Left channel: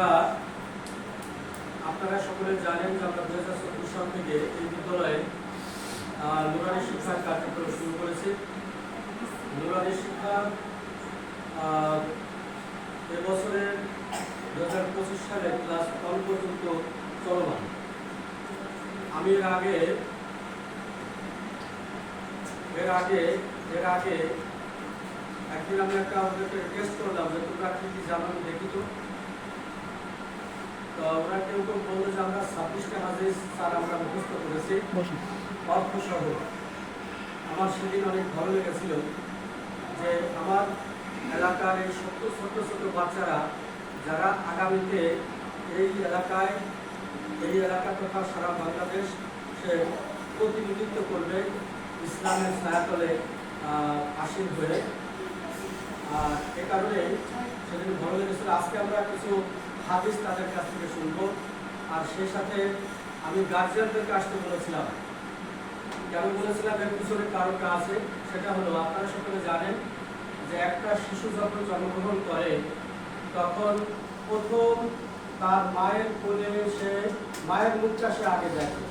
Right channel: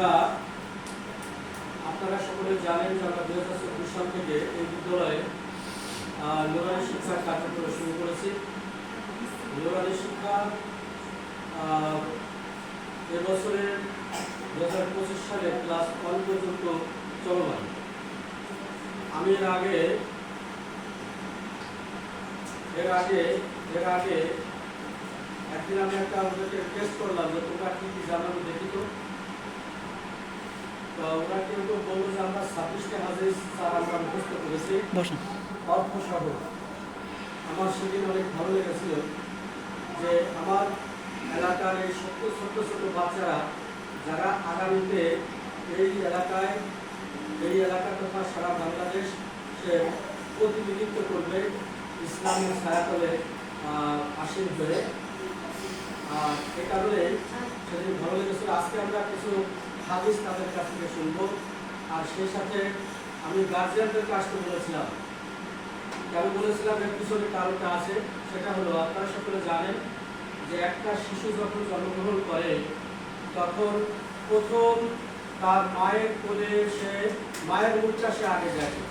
আমরা আপনারা সকলে জানেন যে আমরা 2024 সাল থেকে এই বিদ্যালয়ে নুরানি শিক্ষার কার্যক্রম শুরু করেছি। নুরানি শিক্ষা এবছরের 2025 সালে ক্লাস 1 পর্যন্ত চলমান। আমি এর আগে একদিন আমি একটা টেস্ট করলাম যে তোমরা কি জানো আমি দেখি তো ওরা কেউ কেউ বললো যে আমরা 26টা হাদিস স্যার আমরা মুখস্থ করেছি অর্থ সহ। আমার সেদিন অনেক ভালো লেগেছিল যে আমার এলাকার এই ছোট ছোট বাচ্চারা যারা আগামীতে এই এলাকা তথা সারা বাংলাদেশ সে প্রতিনিধিত্ব করবে ইসলামের ছায়াতলে আসীন হয়ে। এ কারণে সেদিন ভালো লেগেছিল। আজকে আমরা কিছু হাদিস তাদের কাছ থেকে শুনব। আর সেই সাথে আমি গার্জিয়ানদেরকে আসতে বলেছিলাম। আমি বলেছিলাম এর পিছনে কারণটা আছে, সেটা হলো আপনারা সকলে জানেন যে একটা শিশু যখন জন্মগ্রহণ করে তখন প্রথম তার মায়ের কোলে সে মায়ের মুখটা সে আগে দেখে,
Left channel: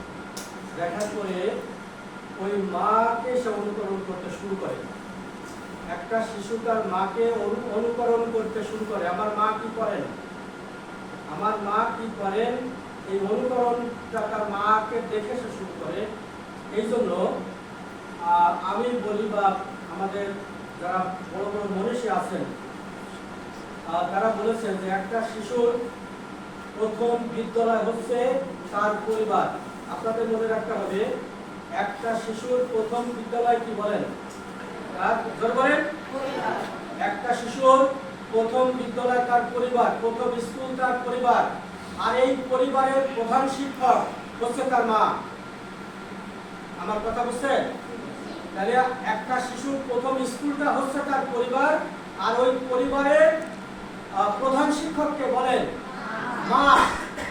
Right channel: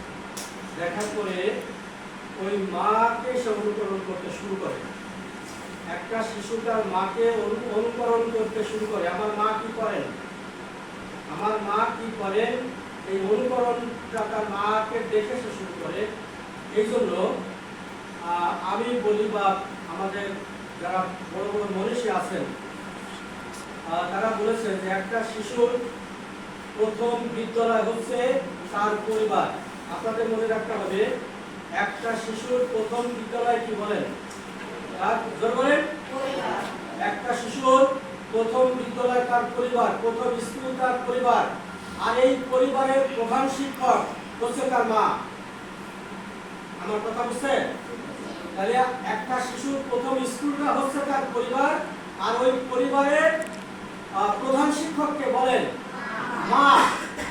দেখার পরে ওই মাকে সে অনুকরণ করতে শুরু করে। একটা শিশু তার মাকে অনুকরণ করতে শুরু করে। আমার মা কি করেন এই অনুকরণটা তার মাকে দেখে সে শুরু করে। এই জন্য আমি বলি বা আমাদের যারা বড় বড় মনীষী আছেন তারা বলেছেন যে একটা শিশুর প্রথম বিদ্যালয় হচ্ছে তার পরিবার। আপনাদের মনে রাখতে হবে একটা শিশুর প্রথম বিদ্যালয় কি বলেন? একটা শিশুর প্রথম বিদ্যালয় তার পরিবার, প্রথম স্কুল তার পরিবার। আর এই পরিবারের প্রধান শিক্ষক হচ্ছে তার মা। আমার কথা বুঝছেন? তাহলে একটা শিশুর প্রথম স্কুলটা হচ্ছে তার পরিবার, আর ওই পরিবারের প্রধান শিক্ষককে বলেন মা।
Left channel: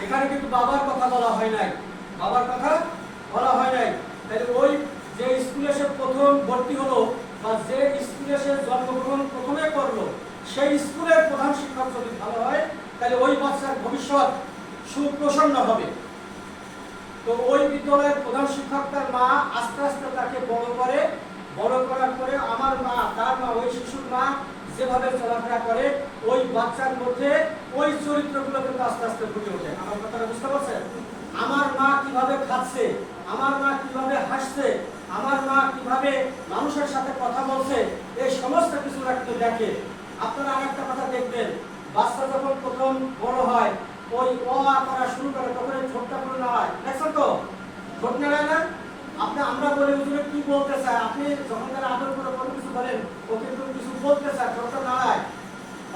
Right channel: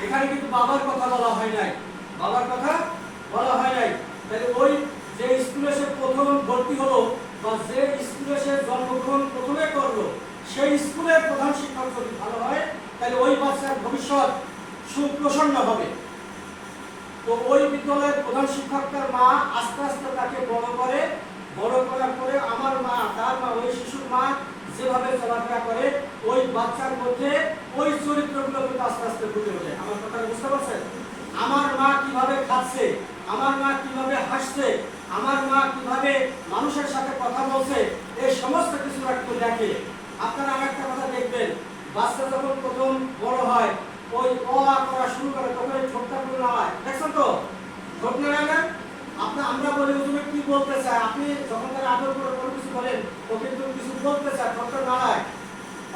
এখানে কিন্তু বাবার কথা বলা হয় নাই, তাহলে ওই যে স্কুলে সে প্রথম ভর্তি হলো বা যে স্কুলে সে জন্মগ্রহণ প্রথমে করলো সেই স্কুলের প্রধান শিক্ষক যদি ভালো হয় তাহলে ওই বাচ্চার ভবিষ্যৎ সুপ্রসন্ন হবে। তো ওই বিদ্যালয়ের প্রধান শিক্ষক তার মা আস্তে আস্তে তাকে বড় করার পরে আমার মা, তার মা, ওই শিশুর মা যেভাবে চলাফেরা করে ওই বাচ্চার মধ্যে ওই চরিত্রগুলো কিন্তু আস্তে আস্তে ফুটে ওঠে। আমার কথা বুঝতে পারছেন? আমার মা কিভাবে খাচ্ছে, আমার মা কিভাবে হাসছে, আমার মা কিভাবে মানুষের সাথে কথা বলছে, এই সমস্ত কিছু একটু দেখে। আপনারা আর একটা কথা দেখবেন, বাচ্চা যখন প্রথম বড় হয় ওই অ আ করা শুরু করে তখন এই ঠোঁটটা করে নাড়ায়। দেখছেন তো ঠোঁট নাড়ায় না? আমরা বলি হুজুরে কি বলতে চায়, আপনি যখন তার আদর করে কোনো কিছু বলেন ও কিন্তু কিছু বলতে চায়, ঠোঁটটা নাড়ায়।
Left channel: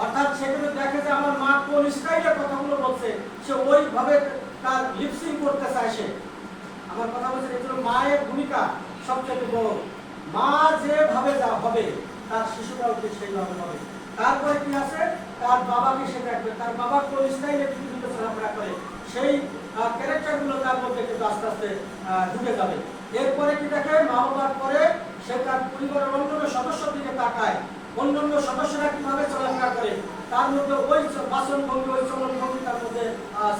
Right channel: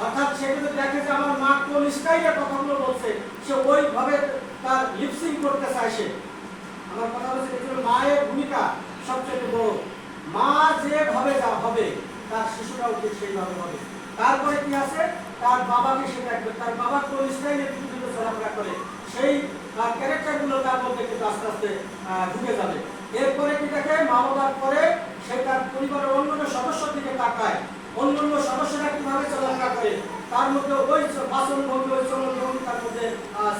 অর্থাৎ সে কিন্তু দেখে যে আমার মা কোন স্টাইলে কথাগুলো বলছে, সে ওইভাবে তার লিপসিং করতে চায় সে। আমার কথা হচ্ছে এগুলো মায়ের ভূমিকা সবচেয়ে বড়। মা যেভাবে যা হবে তার শিশুরাও ঠিক সেইভাবে হবে। তারপরে কি আছে, তার বাবাকে সে দেখবে, তার বাবা কোন স্টাইলে পৃথিবীতে চলাফেরা করে সেই ক্যারেক্টারগুলো তার মধ্যে কিন্তু আস্তে আস্তে ঢুকে যাবে। এরপরে কি দেখে, মা বাবার পরে সে তার পরিবারের অন্যান্য সদস্যর দিকে তাকায়, অন্যান্য সদস্যরা কিভাবে চলাফেরা করে তার মধ্যে ওই বাসন ভঙ্গি, ওই চলন ভঙ্গি তার মধ্যে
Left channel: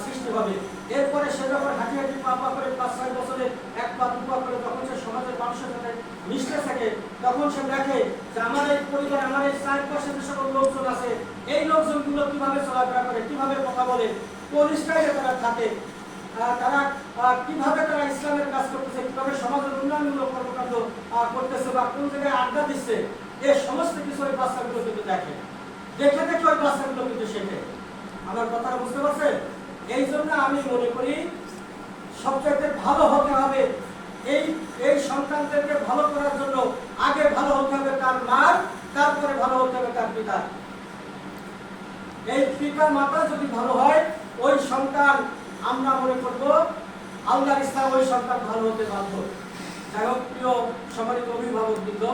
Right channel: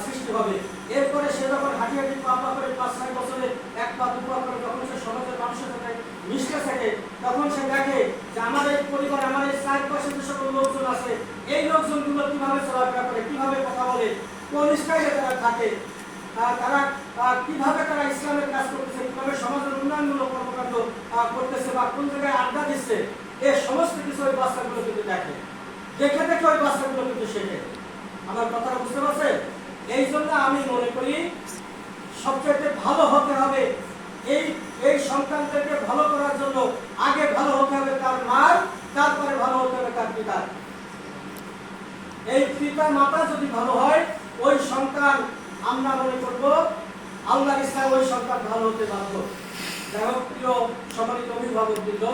সৃষ্টি হবে। এরপরে সে যখন হাঁটি হাঁটি পা পা করে 5-6 বছরে 1 পা 2 পা করে যখন সে সমাজের মানুষের সাথে মিশতে থাকে তখন সে দেখে যে আমার এই পরিবারে, আমার এই চারপাশে যে সকল লোকজন আছে এই লোকজনগুলো কিভাবে চলাফেরা করে, কিভাবে কথা বলে, কোন স্টাইলে তারা থাকে, তারা কিভাবে তারা ইসলামের কাজ করতেছে, কিভাবে সমাজের উন্নয়নমূলক কর্মকাণ্ড করতেছে বা কোন জায়গায় আড্ডা দিচ্ছে, এই সমস্ত কিছু ওই বাচ্চাগুলো কিন্তু দেখে ওই বাচ্চাগুলো কিন্তু শেখে। আমার কথাটা বুঝতে পারছেন? এই জন্য আমি মনে করি সবচেয়ে ভালো হতে হবে এই সন্তানদেরকে ভালো করার জন্য আগে ভালো হতে হবে তার মার, তারপরে ভালো হতে হবে তার পিতার। এই পিতা মাতা যদি ভালো হয় ওই সন্তান, আমরা মনে করবো আল্লাহর ইচ্ছায় ওই সন্তান ভালো হতে বাধ্য। যাই হোক, প্রিয় সম্মানিত অভিভাবক বৃন্দ,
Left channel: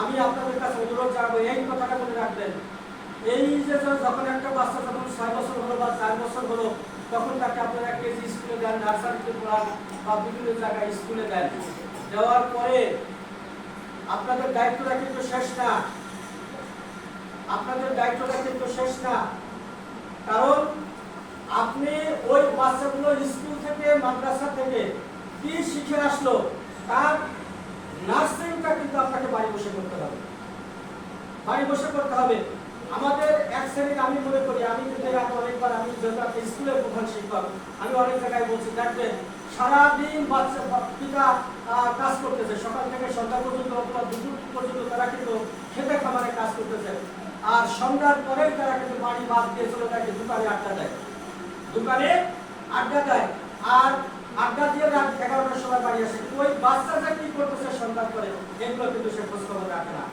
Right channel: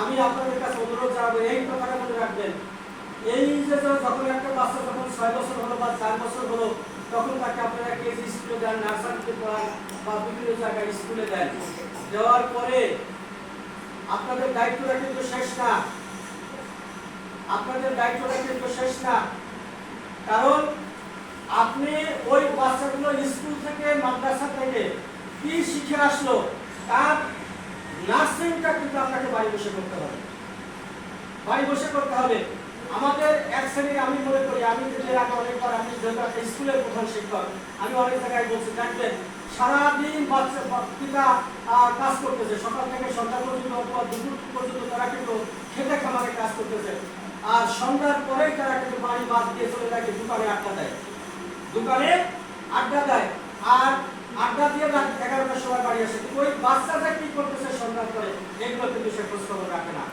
আমি আপনাদের কাছে অনুরোধ জানাবো এই কথাটা মনে রাখবেন। এই যে যখন একটা বাচ্চা যখন 6 বছর হলো বা 4 বছর হলো তখন তাকে আপনারা কেজি স্কুলে দেন, নার্সারিতে পড়ান বা বিভিন্ন জায়গায় স্কুলে দেন। দেওয়ার পরে আপনাদের দায়িত্বটা কিন্তু শেষ না, কারণ আপনি ওই বাচ্চাগুলো স্কুল থেকে মাদ্রাসা থেকে কি শিখে আসলো তার নার্সিংটা কিন্তু আপনাকে বাড়ি বসে করতে হবে, বাড়ি বসে করতে হবে। আমাদের এক শ্রেণীর আমি মনে করি, আমি যদি অনেকবার আমি একটা স্কুলের প্রধান শিক্ষক, আমি অনেক জায়গায় বলছি, দেখবেন সারাদিন বাচ্চা পিতা কাজ করতেছে, সকাল থেকে সন্ধ্যা পর্যন্ত অথবা দুপুর পর্যন্ত তারা কিন্তু খেতে খামারে কাজ করতেছে, আর সন্ধ্যার পরে তারা কিন্তু বাড়ি বাদ দিয়ে চলে থাকে দোকানে আড্ডা দেয়, দোকানে আড্ডা দেয়, আর আড্ডা দিয়ে রাত 11টার সময় বাড়ি আসে। ওই বাচ্চাটা কি করতেছে সন্ধ্যার পরে এইগুলো কিন্তু সে খোঁজ খবর রাখে না।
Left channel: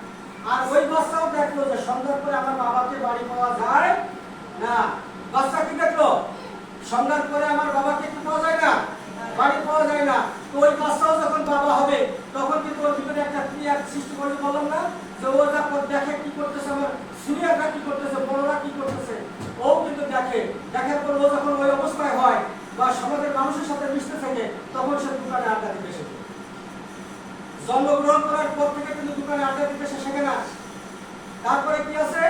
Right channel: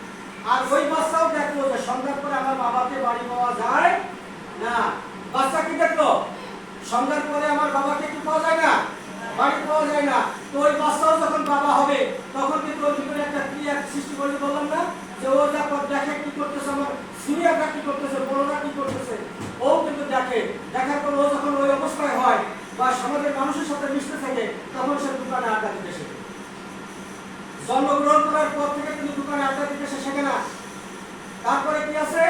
আর ওই বাচ্চাও দেখলো যে সন্ধ্যার পরে আমার বাবাকে বাড়ি পাওয়া যায় না। বাচ্চা কি দেখলো? সন্ধ্যার পরে আমার বাবাকে কি পাওয়া যায় না, বাড়ি পাওয়া যায় না। তো ওই বাচ্চাও যখন বাবা হবে তখন কিন্তু ওর ভিতরে একটা ক্রিয়া সৃষ্টি করতে বললাম না, যে ও যা দেখে কি করতেছে, আমার সিনিয়ররা কি করতেছে, বড়রা কি করতেছে, ও কিন্তু দেখে। দেখার পর ও যখন ওই অবস্থায় হয় বা সমাজের মানুষের সাথে মিশতে থাকে তখন সে দোকানে আড্ডা দিতে শেখে। জন্মগ্রহণ করার পর থেকে কিন্তু দোকানে আড্ডা দিতে সে শেখে না। তারপরে কি আছে,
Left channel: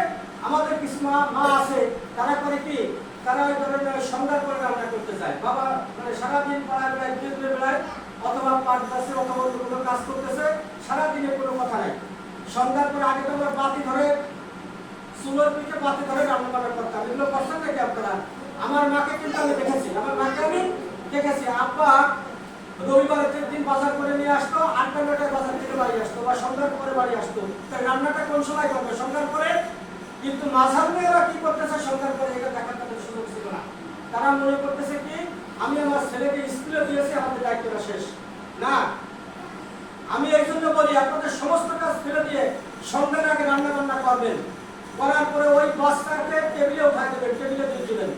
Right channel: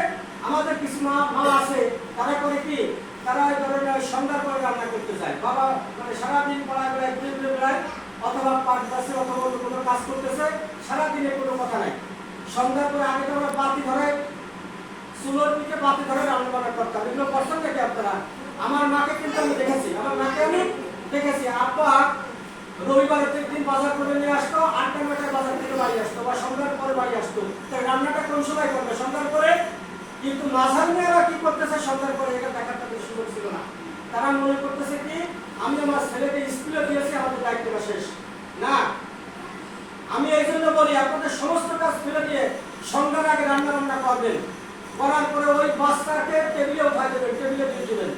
আমাদের কিছু মা আছে, তারা করে কি, তারা সন্ধ্যার পরে রান্না করতে যায়। বাবা মানে সারাদিন পাড়ায় বেড়ায় বেড়ায় অথবা পাঁচ বাসে অথবা অন্য কোনো কাজ করতেছে, সারাদিনে কোনো কথা নাই। সন্ধ্যার পরে আগে তো আমরা বাতি ধরে, চুলোর পিঠে বাতি ধরে রান্না বান্না করতাম। এগুলো করছেন নাকি আপনারা? আমার মাকে কিন্তু আমি দেখেছি, আমার মাকে আমি দেখেছি। আব্বা রবিবারের দিন বাজার করে নিয়ে আসতো, 8টা 9টায় বাজার থেকে বাড়ি আসতো বা সন্ধ্যার পরে বাড়ি আসতো। তাই রান্নাটা কোন সময় করবে? সন্ধ্যার পরে। কিন্তু মাঝার মেয়েরা কি করতেছে সন্ধ্যার পরে, এটা দেখার তাদের সুযোগ ছিল না। তারা মনে করতেছে কি, আমি আমার ছেলেকে স্কুলে দিয়েছি, আমাদের দায়িত্বটা শেষ না। আমি এই জন্য বলি, আপনাদের সমস্ত কাজ ফেলে দিয়ে সন্ধ্যার আগে রান্না বান্না করবেন, করার পরে ওই বাচ্চাকে টেবিলে উঠাই দেবেন, টেবিলে দিয়ে দিবেন।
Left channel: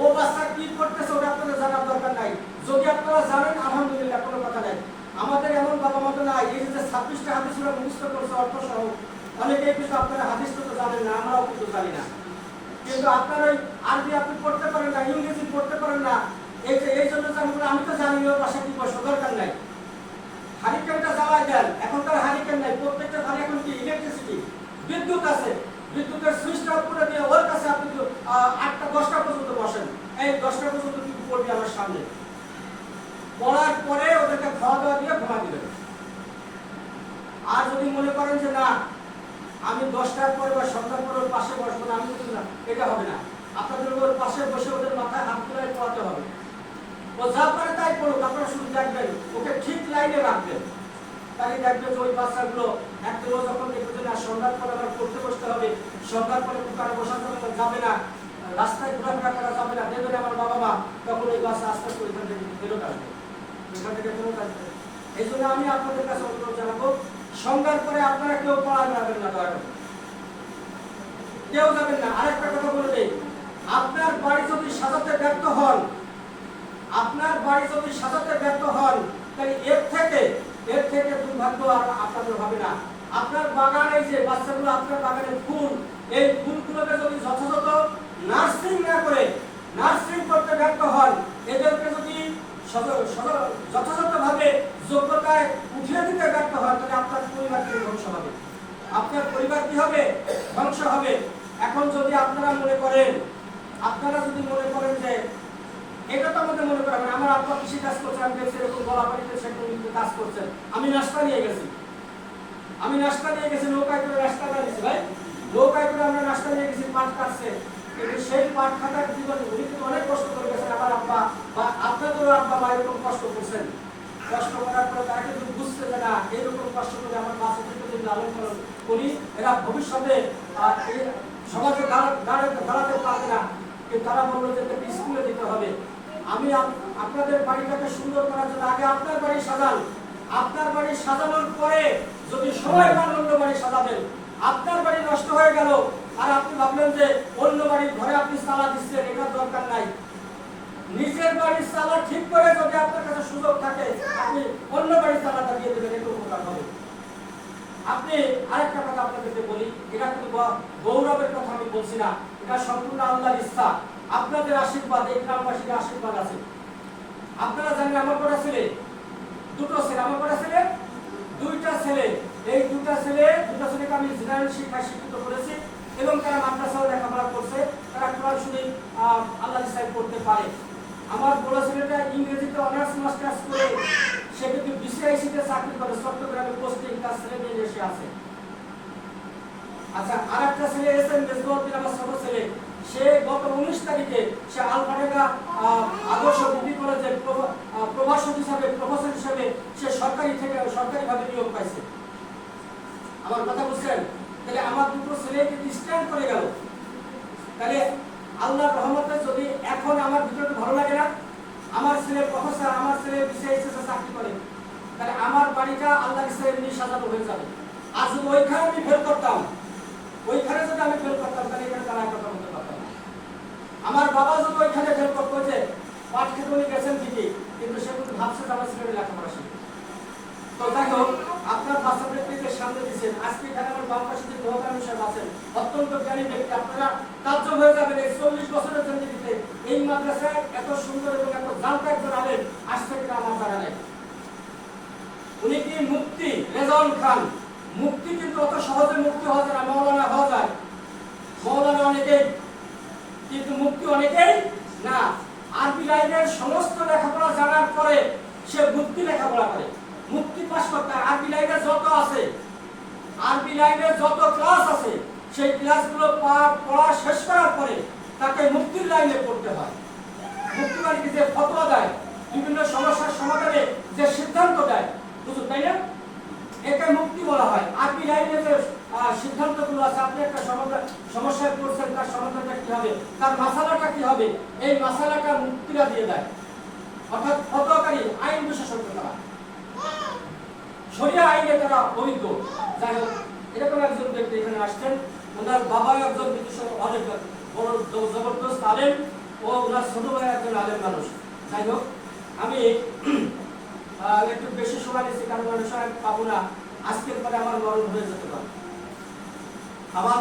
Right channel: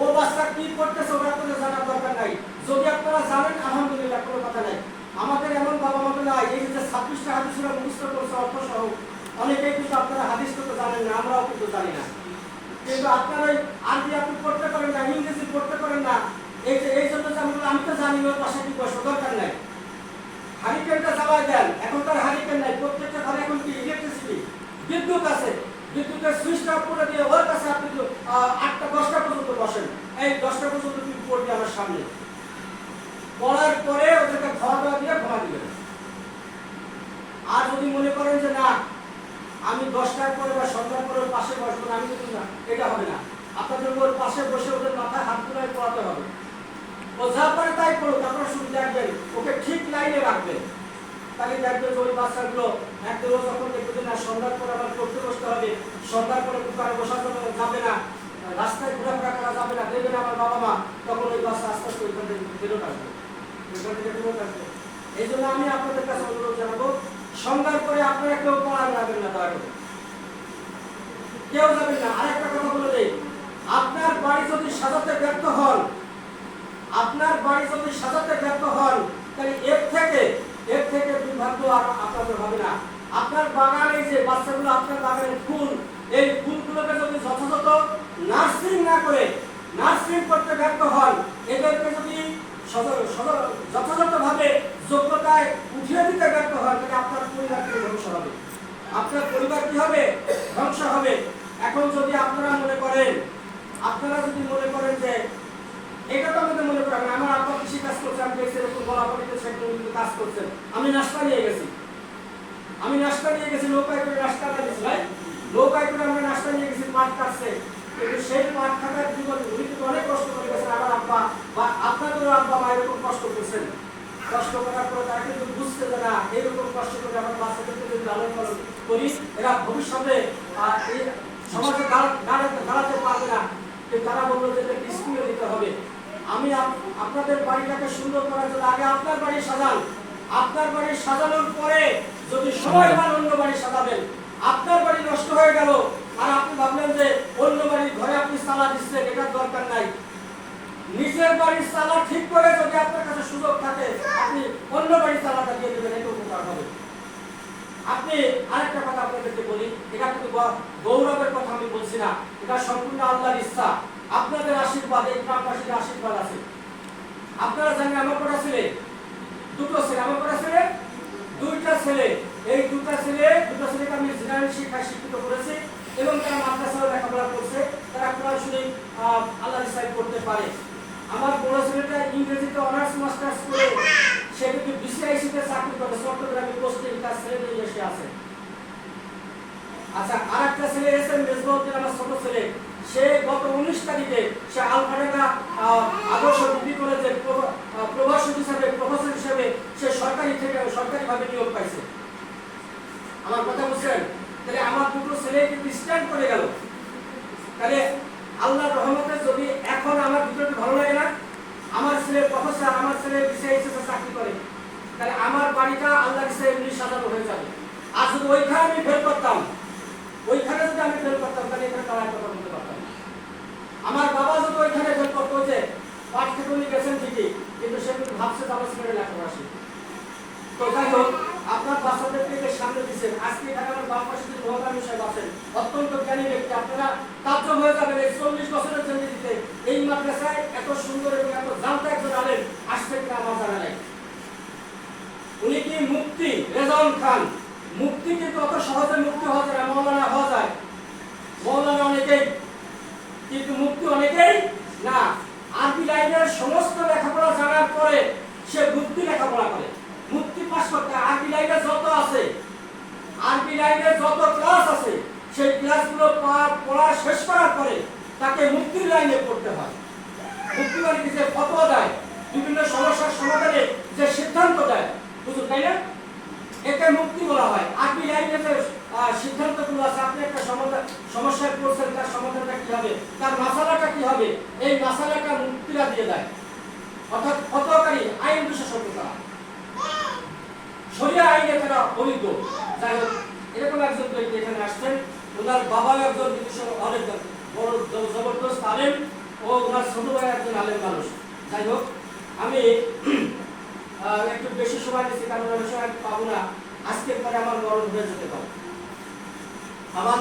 ও বাচ্চা কি করতেছে ওটা আপনাদের জানার দরকার নাই। যদি আপনারা জানেন আলহামদুলিল্লাহ, কোনো কথা নাই। আমাদের এমন বাবা মতো নাই, এই যে 26টা হাদিস ওরা মুখস্থ করছে অর্থ সহ, অনেকেই কিন্তু আপনারা হাদিস তো জানেন না, আমরাও কিন্তু জানি না। কিন্তু আপনারা ওই আরবি আপনি পড়তে পারেন না, ইংরেজি পড়তে পারেন না, এই জন্য আমি তো জানি না বাসা কি বসে, দরকার নাই। হারিকেনটা জ্বালায় দেন, এখন তার হারিকেন নাই, প্রত্যেকটা ঘরে এখন কি ইলেকট্রিসিটি, বিদ্যুৎ আছে, বিদ্যুতের সুইচটা পুরো দিয়ে ওর কাছে আপনি 8টা 10টা পর্যন্ত বসেন, এই 10টা পর্যন্ত তুমি পড়বি আমার সামনে, পড়ার পরে ওদেরকে খাওয়া দাওয়া দিয়ে ঘুমা দিবেন। আর যদি মনে করেন যে না আমি 10টার পরে বা সন্ধ্যার পরে ওর পাশে বসবো না, আমি কিন্তু না, এটা হবে না। আপনাদের ওর পাশে বসে ওদের মাথায় হাত তুলে পড়াতে হবে। ও যা পারে তাই পড়ুক, আপনারা শুধু দেখবেন, ওকে ঠিক লাইনে রাখবেন। তাহলে দেখবেন ওই বাচ্চাগুলো একদম যখন দেখবেন না সন্ধ্যার পরে আবার পড়তে বসতে হবে, সন্ধ্যার পরে দোকানে বসাতে যাবে না, রাস্তায় ঘোরাফেরা করা যাবে না, দেখবেন আমার বাবা মা, তখন ওই বাচ্চা আস্তে আস্তে ওইখান থেকে ফেরত আসবে, ওইখান থেকে ফেরত আসবে। এই জন্য আমি আপনাদের কাছে অনুরোধ জানাবো, সন্ধ্যার পরে আপনারা কেউ পড়া যাবেন না, দয়া করে কেউ যাবেন না। আরেকটা কথা বলে দেই, আপনার বাড়ি যদি সাজাতে ব্যর্থ হন, আপনার বাড়ি যদি সাজাতে ব্যর্থ হন, তাহলে এর থেকে দুর্ভাগ্য আর আপনাদের হবে না। আপনার বাগানে যে বাচ্চাগুলো, আপনার বাগানের ফুল, এই ফুলগুলোকে যদি যথাযথ নার্সিং না করে, নার্সিং করতে ব্যর্থ হন, এদেরকে যদি যথাযথভাবে যোগ্যতায় উঠিয়ে দিতে ব্যর্থ হন, তাহলে আপনার পরিবার থেকে ধ্বংস হবে, আপনার পরিবার কি হবে? ধ্বংস হবে। এখন যদি আপনারা মনে করেন, যে এটা তো আমাদের মনে করেন, আমার আব্বা কৃষি কাজ করছে, আমি দেখছি এরকম বলাবাড়িতে সেগুলো কাজ করছেন, আমি নাস্তা নিয়ে গেছি, নৌকায় করে নাস্তা নিয়েছি, ভাই নৌকায় করে আমরা নাস্তা নিয়ে গেছি, পাট কাটছে, কিন্তু সেই পাট কাটার জীবন উনি কিন্তু অনেক কষ্ট করে গেছেন। আমার আব্বা বা আপনাদেরও আব্বা মা এরকম কষ্ট করছেন, কষ্ট করার পর তারা কিন্তু বুঝতে যে না, এইরকম কষ্ট করে আমার বাচ্চাদেরকে যদি লালন পালন করি, এরা ভবিষ্যতে সমাজে দাঁড়াতে পারবে না। তারা বললো যে স্কুলে দিতে হবে। আমি আপনাদের বাড়িটাকে সুন্দর করার জন্য আগে আপনার বাড়ি সাজান, আপনার বাড়ি সাজানোর পরে যদি সময় পান অন্য বাড়ি সাজাবেন। আপনার বাড়ি নষ্ট হয়ে গেল আর আপনি ভাবলেন যে অন্য বাড়ির ঘরে আপনি চালা দিচ্ছেন, এটার দরকার নাই। নিজের বাড়ির চালা ঠিক করে যদি আপনার কাছে সুযোগ থাকে, আপনি অন্য বাড়ির চালাটা দিয়ে দেবেন, এটা উপকার হবে। আপনি আরেকটা কথা আপনাদেরকে বলি, এটা কিন্তু গৌরবের কথা আমি বলছি না, এটা সম্পূর্ণ আল্লাহর ইচ্ছা, আপনাদের আশীর্বাদ, এই গ্রামবাসীর আশীর্বাদ আছে। আপনারা জানেন আমার কটা ছেলে? দুটো ছেলে। আমার কটা ছেলে? দুইটা ছেলে। এই দুটা ছেলেকে আমি জেনারেল শিক্ষায় শিক্ষিত করেছি। এবং তারা মাদ্রাসাও লেখাপড়া করছে, তারা কোরআন শরীফ আল্লাহ রিসাইড করতে পারে। আমার বড় ছেলেটা ইংরেজিতে অনার্স মাস্টার্স করে সে কিন্তু বিসিআইসিতে চাকরি করে, চট্টগ্রামে পোস্টিং, তার ছেলে নিয়ে এসে আছে। আচ্ছা, আর একটা ছেলে এসেন মেজবাউদ্দিন, আমার ছোট ছেলে, সে গত 19 তারিখে সে আলফাডাঙ্গা আদর্শ ডিগ্রি কলেজের প্রভাষক হিসাবে, প্রফেসর হিসাবে সে সরকারিভাবে নিয়োগ পাইছে। আমার কথা বুঝছেন? তাহলে আমার দুটো ছেলে কিন্তু স্ট্যান্ড করে গেল। তাহলে আল্লাহর রহমতে যদি এখন আমার ভিতরে ভালো লাগে না, আমার ছেলে প্রফেসর, আমার ছেলে বিসিআইসিতে চাকরি করে, তাহলে আমার বাড়িটা আল্লাহর ইচ্ছায় এমনি সাজানো হয়ে যাবে। আর যদি ওইখানে আমি ফেল করতাম, তাহলে এখানে তারা কথা বলতে পারতাম না। আমার বাবা যদি ওইখানে ফেল করতো, যে পাঠ থেকে উনি গেছেন ঠিকই, কিন্তু সে কিন্তু ভাবছে যে আমার ছেলে লেখাপড়া শিখবে। তো যাই হোক, আপনার বাচ্চাদের থেকে সামনে দিচ্ছেন। আজকে ঢাকার বাম পাশে যে মহকানুর সাহেব আছেন, অত্যন্ত জ্ঞানী ব্যক্তি, আপনারা কার্য হয়ে যাবেন এই 40 বছরের জন্য দিতে। এই মাদ্রাসায় এত সুন্দর এবং এত জানতে একজন আলেন আসতে কিনা আমার জানা নেই। উনি কি মুক্তি রেজাউল খান, মুক্তি কিন্তু অত সহজে মুক্তি হওয়া যায় না, মৌলানা হওয়া যায়, মৌলানা অনেকেই, কিন্তু মুক্তি অনেকেই না। আরবি লাইনের সমস্ত লেখাপড়া জানার পরে সে মুক্তি লেখাপড়া করে, মুক্তি পাস করতে। আরবি লাইনে যত আছে, আরবি লাইনের যত ক্লাস আছে, সেই ক্লাসগুলো পড়া শেষ করার পরে তাকে মুক্তির লাইনে পড়তে হয়। মুক্তি মানে যে ফতোয়া দেয়, বিভিন্ন সমস্যার সমাধানে যে সিদ্ধান্ত দেয়, বুঝুন তাই না, একে মুক্তি বলা হয়। আরবি লাইনে যে সিদ্ধান্তগুলো আছে, আপনি একটা সমস্যায় পড়ছেন, তার সমাধানটা কি হবে, তার মাসালাটা কি হবে, এই মাসালাটা মুক্তিরা দিয়ে দেয়। অর্থাৎ ফতোয়াকারী আইন বিশেষজ্ঞ, তারা শরিয়া আইনে তারা অভিজ্ঞ। যাই হোক, এরকম একজন ব্যক্তি এখানে আসছেন, ওনার বাবাও একজন অনেক বড় জবরদস্ত আলেম, ও ওনার ছোট ভাই একজন আলেম মানুষ। যাই হোক, আমি একটু বেশি সময় নিচ্ছি, কারণ আমি সময় পাবো না, আজকের পরে আমার মরণ হয়ে যেতে পারে। আমার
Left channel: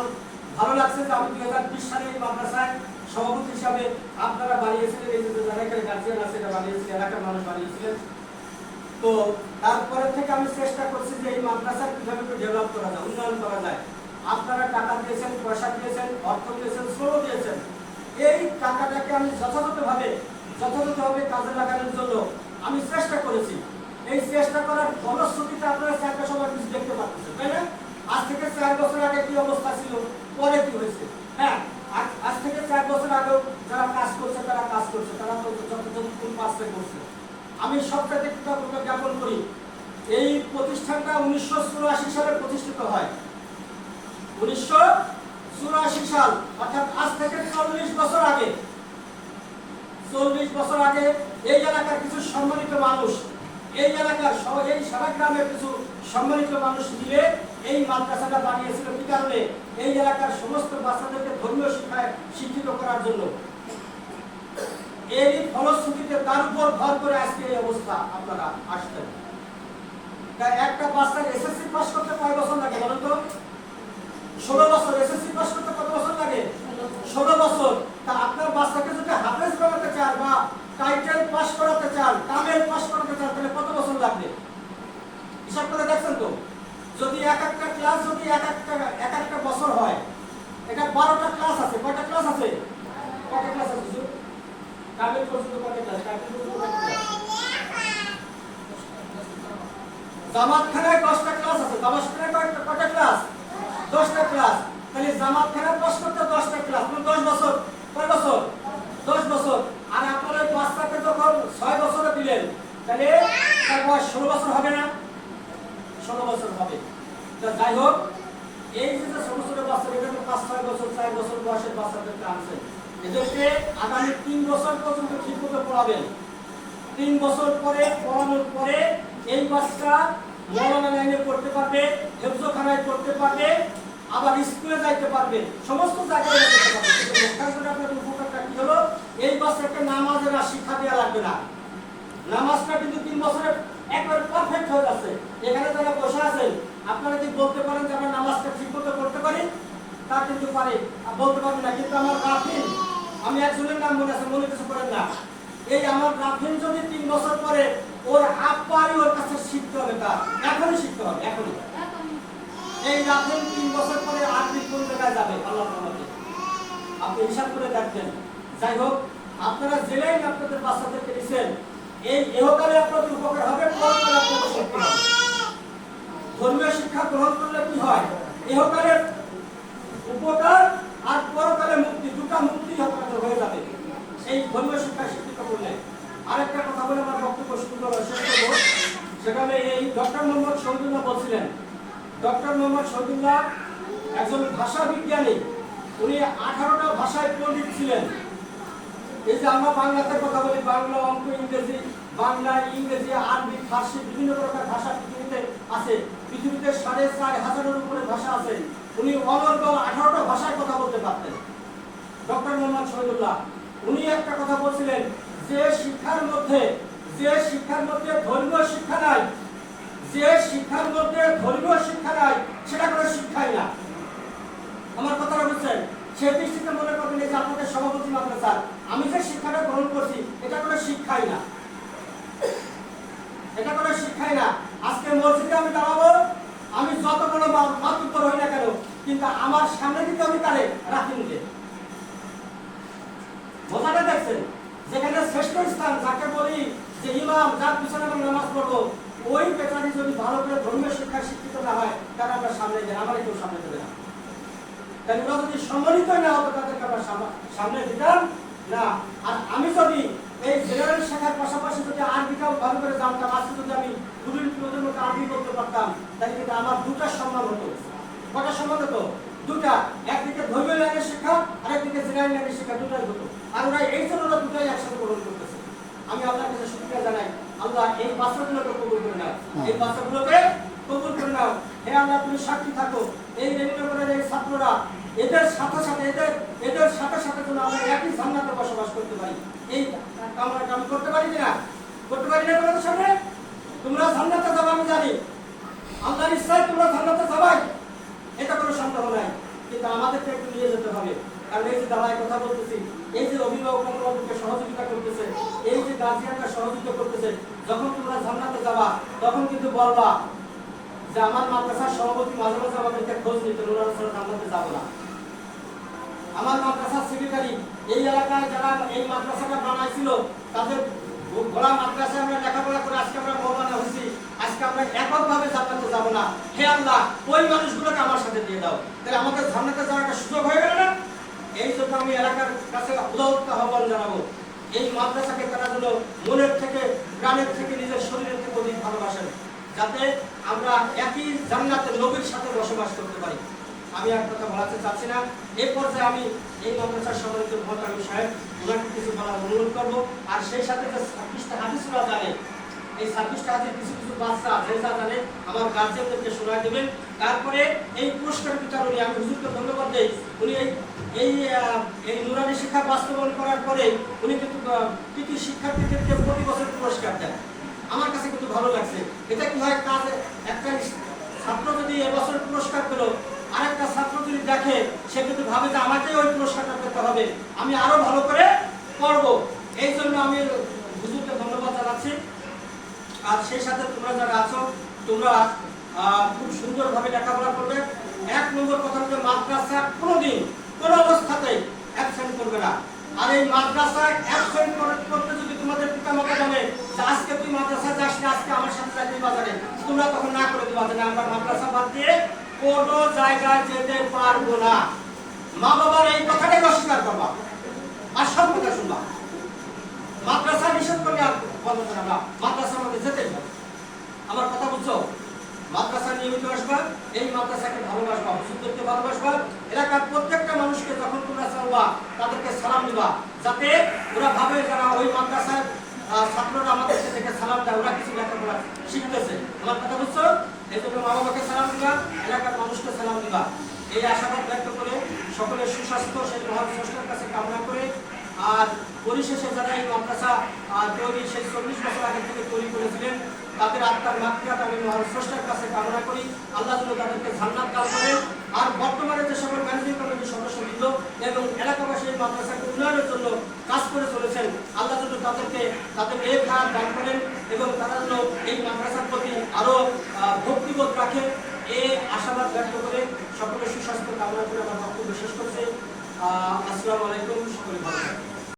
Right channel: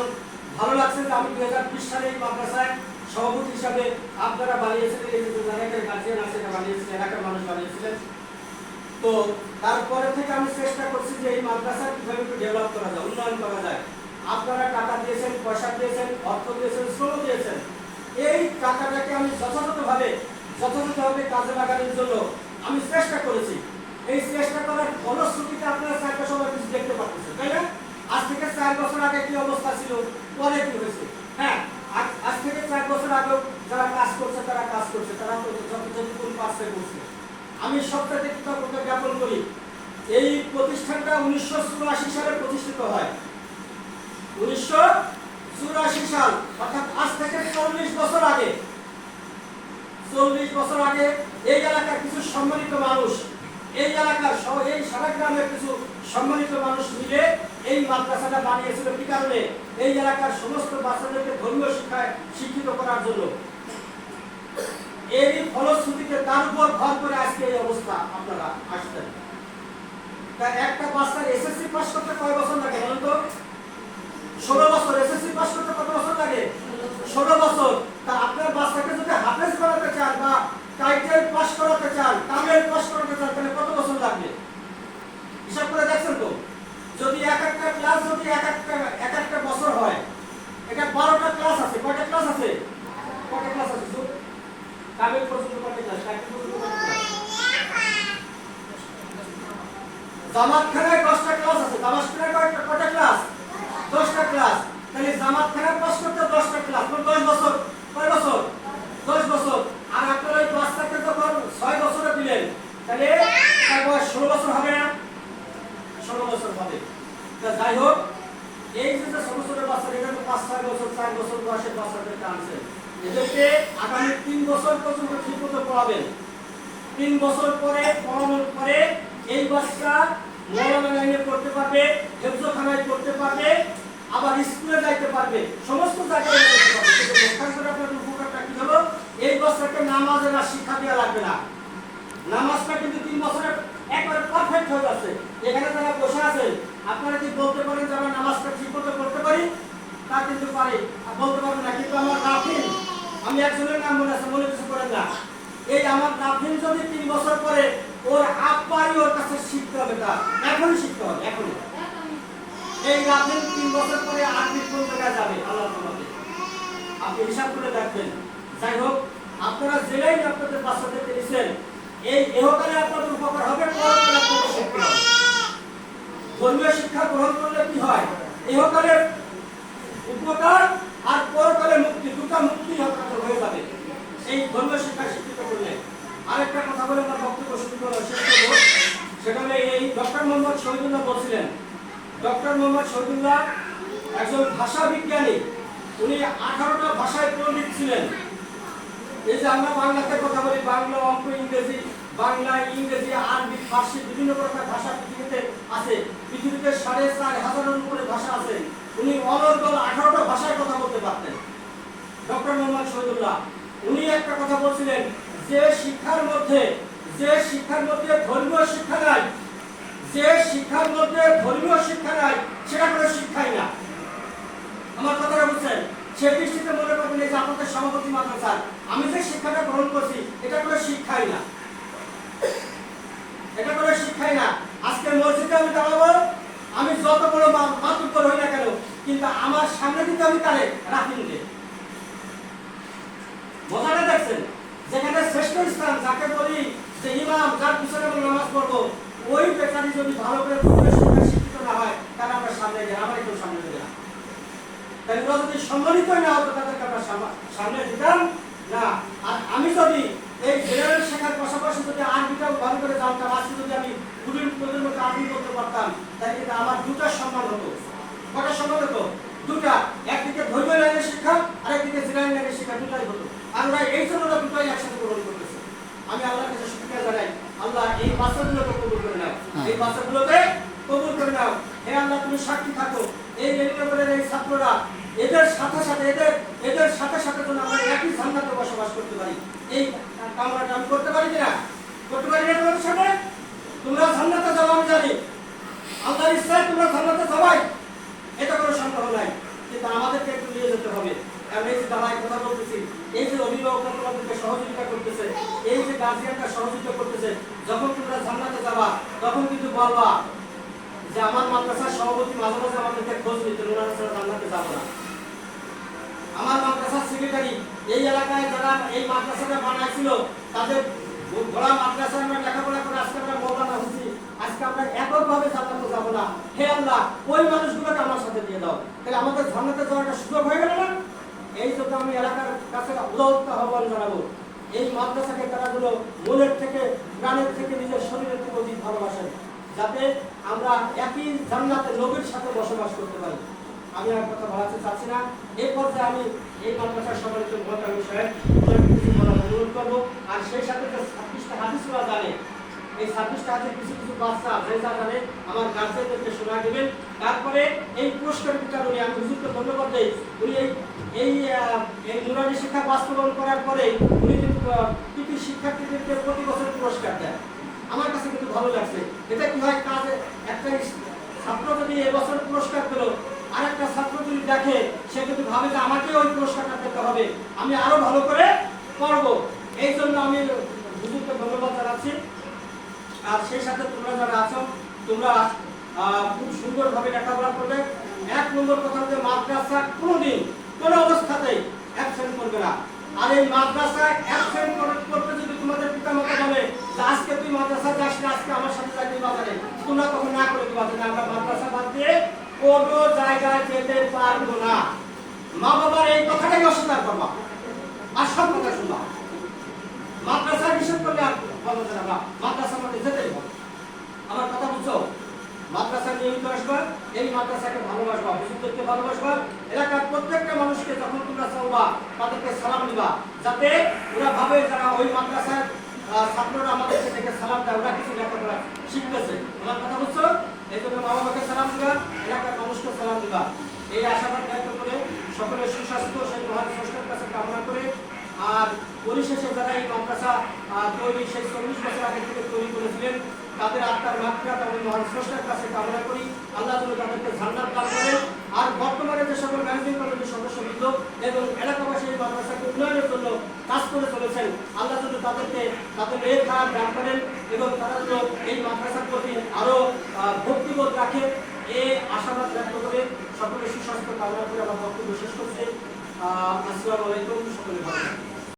ভালো লাগছে যে আমি 2020 সালে এই মাদ্রাসায় সভাপতি হিসাবে আপনারা বানিয়েছিলেন, এই যে এলাকার গার্জিয়ান আছে এটা বানিয়েছিলেন, এলাকার মানুষ বানিয়েছিলেন। তো তারপরে থেকে আমি চেষ্টা করছি যে এই মাদ্রাসা কিভাবে ডেভেলপ করা যায়, উন্নয়ন করা যায়। আপনারা টাকা দিয়েছেন, পয়সা দিয়েছেন, অর্থ দিয়েছেন, শ্রম দিয়েছেন। এই টাকাটাকে আমি যথাযথভাবে কাজে লাগানোর জন্য আমি চেষ্টা করেছি। এই চেষ্টা করার ফলশ্রুতিতে আপনারা 4 বছর কিছু দেখতে পাচ্ছেন, তাই না? আজ থেকে 4 বছর আগে কি অবস্থা ছিল, পরে কি হয়েছে? হ্যাঁ, আজ থেকে 4 বছর আগে যারা কাজ করছে, তারা যতটুকু পারছে করছে। আমি সবটাতে কৃতজ্ঞতা জ্ঞাপন করি। এই প্রতিষ্ঠানটা 1984 সালে প্রতিষ্ঠিত হয়। 1984 সাল, অর্থাৎ আজ থেকে 40 বছর আগে, 40 বছর আগে এই এলাকার কিছু সম্মানিত মানুষ, এই এলাকার এই সারা গ্রামের কিছু সম্মানিত মানুষ মিলে এই মাদ্রাসাটা বানিয়েছিল। কি কারণে? এই এলাকার সমস্ত বাচ্চাদেরকে ধর্মীয় শিক্ষায় শিক্ষিত করার জন্য। এরই ফলশ্রুতিতে তার উপর ভর করে আজকে এই অবস্থা আপনারা আসছেন। একটা বাচ্চার এসএসসি পাস করতে কয় বছর লাগে বলেন তো? 16 বছর। এসএসসি পাস করতে কত বছর লাগে? 16 বছর। তা আপনার বাচ্চাকে যদি হাফেজ বানাতে চান বা টাইটেল পাস করাতে চান, তামিল পাস করাতে চান, তাহলে কত বছর লাগবে? হিসাব করে দেখছেন তো? যদি এক একটা ক্লাস যদি এক একটা বছর হয়, এটা 12টা ক্লাস আছে। কয়টা ক্লাস আছে? কয়টা ক্লাস আছে? কাবিল পর্যন্ত কয়টা ক্লাস? টাইটেল পর্যন্ত কয়টা ক্লাস? জামাতখানায় 10টা ক্লাস আছে। জামাতখানায় কয়টা ক্লাস? 10টা ক্লাস। তাহলে জামাতখানা পাস করতে 10টা ক্লাস, মানে 10 বছর। কয় বছর? 10 বছর। আর আপনারা ওই বাচ্চাকে যখন 6 বছরে দিলেন, তাহলে তার বয়স 16 বছর হবে না? 16 বছর হবে। যাই হোক, এই যে সমস্ত বাচ্চা এখানে 5-6 বছর 4 বছর বয়সের বাচ্চাদেরকে আনছেন, এদেরকে আগামী 3 বছর পর্যন্ত ঠিক মতো পড়াবেন। 3 বছর পরে পড়ানোর পরে এই বাচ্চা মৌলানা লাইনে পড়তে পারবে, হেফজখানায় পড়তে পারবে, আবার স্কুলে যাইতে পারবে, সমস্ত জায়গায় যেতে পারবে। কিন্তু লক্ষ্যাংশটা আপনাদের উপকারটা কি হলো? এই বাচ্চাকে নামাজের আর শিক্ষা দেওয়া লাগবে না। নামাজটা কিন্তু 3 বছরে একবার পারফেক্ট হয়ে যাচ্ছে। এখানে যারা বসে আছেন, আপনারা কি বলতে পারেন যে আমরা নামাজটা ঠিক মতো করতে পারি? তা কিন্তু পারি, বলতে পারবেন না। কিন্তু আমার রাফিন, আমি একজনের নাম মনে আছে, মনে কিছু করেন না, এই আমার রাফিন যদি 3 বছর পরে ওর আব্বাই ওর কাছে শিখতে হবে, তা এখনই শিখতে হবে, এখনই। এই রাতের 3 বছর পরে আপনি কোন জায়গায় যাবেন আল্লাহর রহমতে আপনি হিসাব করে দেখবেন। যাই হোক, আপনারা জেলেই আপনাদের বাচ্চাদেরকে দিচ্ছেন, এই ইহকালে আপনাদের উপকার হবে, পরকালে আপনাদের শিক্ষা হবে। ধর্মীয় শিক্ষা গ্রহণ করলে কি হয়? ইহকালের উপকার আর পরকালে মুক্তি, দুটা মুক্তি আপনাদের হয়ে যাবে এই ধর্মীয় শিক্ষা শিক্ষিত করলে। আরেকটা কথা বলে আমার বক্তব্য শুরু করা শেষ করবো, সেটা হলে এই ডক্টর মোহাম্মদ শহীদুল্লাহ বলছিলেন, ডক্টর মোহাম্মদ শহীদুল্লাহ একজন ভাষা বিজ্ঞানী, উনি 18টা ভাষায় পণ্ডিত ছিলেন। এই যে আমরা বাংলাতে কথা বলি, বাংলা, অঙ্ক, ইংরেজি, বাংলা, ইংরেজি, আরবি, ফার্সি, বিভিন্ন প্রকার ভাষা পৃথিবীতে আছে। পৃথিবীতে 4,500-এর উপরে ভাষা আছে। উনি অনর্গল 18টা ভাষায় কথা বলতে পারতেন ডক্টর মোহাম্মদ শহীদুল্লাহ। উনি একটা কথা বলছিলেন, যে শিক্ষার মধ্যে ধর্মীয় শিক্ষা নাই, যে শিক্ষার মধ্যে ধর্মীয় শিক্ষা নাই, সেটা কোনো শিক্ষাই না। আমার কথাটা বুঝছেন? সে দৃষ্টিতে মনে করবেন যে আপনাদের সভাপতি মাদ্রাসা, আমি যে শিক্ষাটা গ্রহণ করছি এটা কোনো শিক্ষাই না, এটা কোনো শিক্ষাই না। আজকের মসজিদে আমি দাঁড়াবো, আমি যত বড় মাতুব্বর হই না কেন, কিন্তু আমার সামনে দিকে আমি তারে রাখি নিতে। মজাটা দেখছেন? যেখানে শ্রেষ্ঠ স্থান, যাকে বলি যে ইমাম, যার পিছনে আমরা নামাজ পড়বো, ওই বেচারি যদি ভালো করে ধর্মীয় শিক্ষা শিক্ষিত না হয়, তাহলে আমরা সামনে যাই, আমার কেউ সামনে দেবে না। তাই ওরা যদি সম্মানিত না হতো, তাদেরকে আমরা সামনে দিতাম না। আর আমি যদি এই জেনারেল শেখার পাশাপাশি যদি আরবিটাও ভালো করে জানতাম, আজকে যদি আমি নতুন মতো আরবি বলতে পারতাম, তাহলে কিন্তু আমার দুটা সম্মান হতো। কটা সম্মান হতো? দুটা। একদিকে ধর্মীয় লাইনের শিক্ষা, আর একদিকে জেনারেল লাইনের শিক্ষা, দুটাই হতো। আর ওরা এই জন্য দুটাই একসাথে গ্রহণ করতেছে। আমি আল্লাহর কাছে শুকরিয়া জানাই, আল্লাহ এই বাচ্চাগুলোকে কবুল করে নাও, এই বাচ্চাগুলোকে কবুল করে নাও। হে আল্লাহ, তুমি সাক্ষী থাকো, এই রেডিওর এই ছাত্ররা এদের সাথে সাথে যেন আমরা একই জান্নাতে বসবাস করতে পারি। এই কামনাটা আমি করতে পারি কিনা? করতে পারি না তোমাদের সামনে? তোমরা জান্নাতে যাও, আমি জানি আল্লাহর ইচ্ছায় তোমরা জান্নাতে যাবাই, এটা কোনো সন্দেহ নাই। কিন্তু আমাদেরকে একটু নিয়ে যেতে হবে। কারণ এই যে দাঁড়ায় কথা বলতেছি, এই যে অভিভাবককে সহযোগিতা করতেছে, এই যে গার্জিয়ানরা সহযোগিতা করতেছে, যখন তোমরা জান্নাতে যাবা তখন কিন্তু বলবা যে আমার মাদ্রাসার সভাপতি মাঝে মাঝে আমাদেরকে খোঁজ নিতে, ওনারা ছাড়া জান্নাতে যাবো না। আমার মাদ্রাসার সেক্রেটারি এই এলাকায় যারা এই মাদ্রাসাটা বানাইছিল, তাদের ঘোড়া মাদ্রাসায় আমরা লেখাপড়া করে আজকে আমরা মৌলানা হয়েছি, আজকে আমরা এককভাবে জান্নাতে যাবো না। হে আল্লাহ, ওই মানুষগুলোকে আমার সাথে দিয়ে দাও, তাহলে আমাদের জান্নাতে যাওয়ার একটা সুযোগ হয়ে গেল না? এই জন্য আমি এলাকার কাছে উদাত্ত আহ্বান জানাবো, এই মাদ্রাসাকে তারা যেন মনের থেকে, প্রাণের থেকে, নিজের শরীরের থেকে অধিক ভালোবাসেন, যাতে আমরা একই জান্নাতের নবীর সাথে বসবাস করতে পারি। আমি আর কথা বলাতে চাচ্ছি না। এই পর্যায়ে আমি এই মাদ্রাসার সম্মানিত মোহতামিম সাহেব ওনাকে কিছু বলার অনুরোধ করবো। আর সেই সাথে যে 26টা হাদিসগুলো জানে, এই 26টা হাদিস কিছু কিছু বাচ্চা যে জানে আমার গার্জেনদেরকে শোনা দেবেন। তারপরে এই পুরস্কার বিতরণে আমি হুজুরকে ধন্যবাদ দেই। উনি এই নুরানি শিক্ষা বাস্তবায়ন করার পরে উনি কিন্তু কৃতি শিক্ষার্থীদেরকে প্রতি বছর পুরস্কার দেন। আমার কাছে কিন্তু ভালো লাগছে। এটা কি হয়, কাজে একটা ছাত্র যদি এবছর পুরস্কার পেল, আরেকটা ছাত্র যদি দেখে, সে কিন্তু ভাবে যে আমাকে ওই পুরস্কারটা পেতে হবে, আমি আরো ভালো করে করব। এই জন্য আমি হুজুরকে ধন্যবাদ জানাচ্ছি। আর সেই সাথে তোমরা যারা আছো, তোমরা খুব সুন্দরভাবে লেখাপড়া করবে। 1 নম্বর কথা হচ্ছে মাদ্রাসা কোনোদিন কোনো অবস্থাতেই অ্যাবসেন্ট করবে না। আর এই মাদ্রাসায় অ্যাবসেন্ট করতে যদি তোমাদের পিতামাতা বলে যে আজকে তুই মাদ্রাসা যাস না, আজকে আমার সাথে যাবি বাজারে, তোমরা তখন না করে দিবা যে আমরা মাদ্রাসা বাদ দিয়ে কোনো জায়গায় যেতে পারবো না। মা বাবার এই কথাটাই অস্বীকার করবা, আর সব কথা শুনবা। মাদ্রাসা নিষেধ করলে আর বলবো না, মাদ্রাসার মধ্যে যেতেই হবে। আমার কথা বুঝছো? মাদ্রাসা নিয়মিত আসবা, এই মাদ্রাসাকে ভালোবাসবা, হুজুরদেরকে ভালোবাসবা, এলাকার প্রত্যেকটা মানুষকে যখন তোমরা চাওবা তাদেরকে সালাম দিবা, যাতে ওরা ভাবে যারা ওই মাদ্রাসার ছাত্ররা আমাদের থেকে সালাম দেয়, ওরা কিছু লেখাপড়া শিখতেছে। আমার কথা বুঝছো? এই জন্য মা বাবাকে সালাম দিবা, এলাকার মানুষকে সালাম দিবা। এই আশাবাদ ব্যক্ত করে সকলের সুস্বাস্থ্য সেই মহান স্রষ্টার কাছে কামনা করে, আর পরিশেষে যারা এই মাদ্রাসা তৈরি সেই 40 বছর আগে থেকে তৈরি করেছিলেন, তাদের আত্মার মাগফিরাত আমি মহান স্রষ্টার কাছে কামনা করি। আল্লাহ যেন তাদেরকে জান্নাত দান করেন। আর বর্তমানে যে সকল ম্যানেজিং কমিটির সদস্যবৃন্দ এবং এলাকাবাসী এই মাদ্রাসাকে উন্নয়নের জন্য কাজ করে চলেছেন, আল্লাহ যেন তাদেরকে তাদের নেক হায়াত দান করেন এবং তারা যেন এই মাদ্রাসার প্রতি আরো ভক্তিবোধ রাখে। এই আশাবাদ ব্যক্ত করে সকলের সুস্বাস্থ্য কামনা করে আমার বক্তব্য শেষ করছি। আসসালামু আলাইকুম, সকলে ভালো থাকবেন।